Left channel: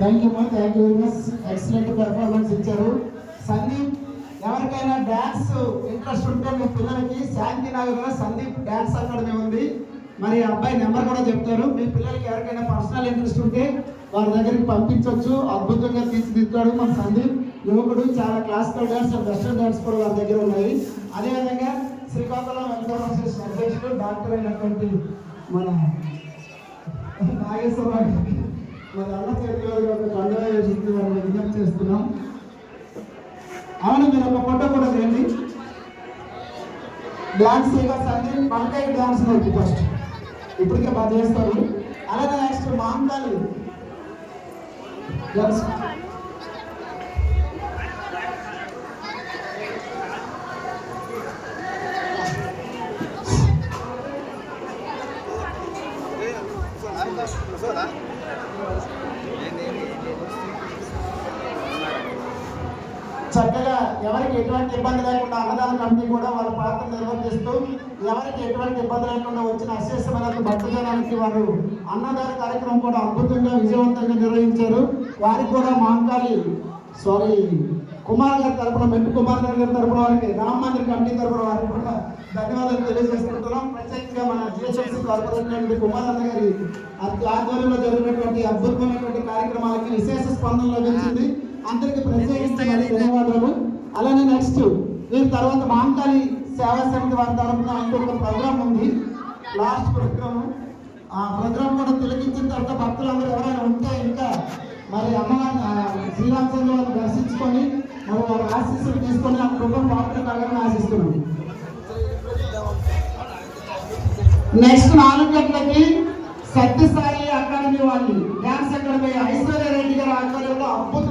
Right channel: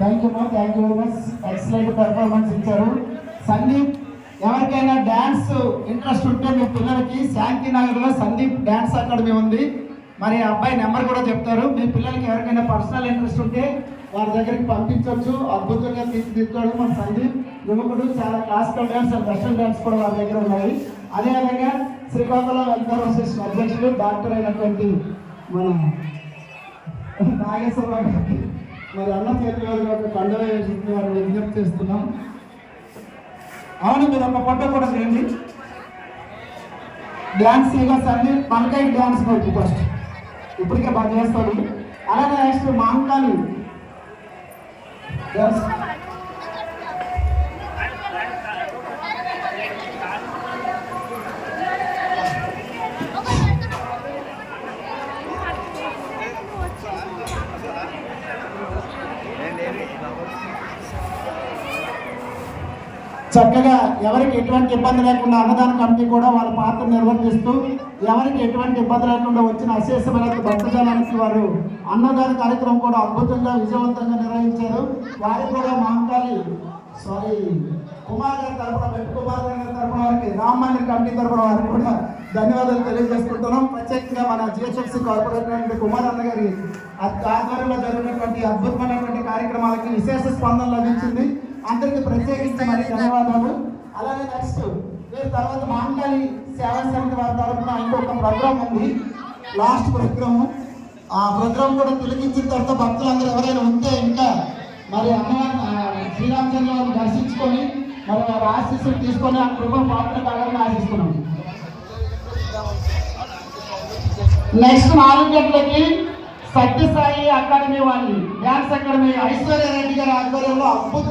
Thank you very much, excellent performance ఇచ్చారు. సందీప్, ఎవరికైనా dance interest ఉంటే మీ పిల్లలకి శాంతినగర్లో సందీప్ డ్యాన్స్ అకాడమీ ఉంది. మరి అబ్బాయి నెంబర్ కూడా చెప్తారు. మీ పిల్లలకి ఎవరికైనా పర్సనల్ ఇంట్రెస్ట్ ఉంటే వారి దగ్గరికి పంపించవచ్చు. అద్భుతంగా తీర్చిదిద్దాడు మన సందీప్ యువకుడు. చాలా classical dance and western dance కూడా వారి దగ్గర ఉన్నాయి. అదేవిధంగా శ్రీకాకుళం వెల్ఫేర్ అసోసియేషన్ అధ్యక్షుడు డాక్టర్ అయినటువంటి మన నాగేశ్వరరావు గారికి మరి అన్న చేతుల కండవ వేసి వారిని విజ్ఞప్తి చేస్తున్నాం. అవును, మీరు ఒక ఫోటో కూడా చేయండి. డ్యాన్స్ ఇక సందీప్ మనకై డ్యాన్స్ నేర్పి ఫస్ట్, ఇప్పటికే బాగా చేస్తారు. అలాగే నెక్స్ట్ మాంగాలి డ్యాన్స్. చక్కగా ఎవరికి ఎటువంటి ఇబ్బంది లేకుండా అన్నదాన కమిటీ కూడా వాళ్ళ పాత్ర నిర్వర్తిస్తూ ఎవరికి ఎటువంటి ఇబ్బంది లేకుండా వచ్చిన అశేషమైన భక్తజనానికి వారు అన్నదాన కార్యక్రమం కూడా అద్భుతంగా విజయవంతంగా నిర్వహించారు. వారికి కూడా మహంకాళి కుమార్ గారి తరఫున, మెట్టు కుమార్ గారి తరఫున వారికి రామ్ మందిర్ కమిటీ తరఫున వారికి కూడా ధన్యవాదాలు తెలియజేసుకుంటున్నాం. ప్రత్యేకంగా మన జిహెచ్ఎంసీ కార్పొరేటర్ కుమార్ అన్న గారి ఆధ్వర్యంలో జరిగినటువంటి అద్భుతమైనటువంటి కార్యక్రమాలకి విశేష స్పందన లభించింది. అందరికీ ప్రత్యేకించి ధన్యవాదాలు. అలానే నెక్స్ట్ దీని తర్వాత మహంకాళి సేవా సమితి వారి తరఫున ఇంకొక ప్రోగ్రామ్ ఉంది, లాస్ట్ ప్రోగ్రాము. ఆ ప్రోగ్రామ్ కూడా తిలకించిన తర్వాత భక్తులందరూ ఎవరైనా ఉంటే ఇంకా మరి అమ్మవారి శ్రీరామచంద్ర వారిని దర్శించుకొని మరి వారి ఆశీస్సులు తీసుకొని ఆ కృప పాత్ర కావాలని ఆశిస్తున్నాం. నెక్స్ట్ 4 గంటలకి సత్యసాయి అకాడమీ వాళ్ళు డ్యాన్స్ అకాడమీ ఐశ్వర్య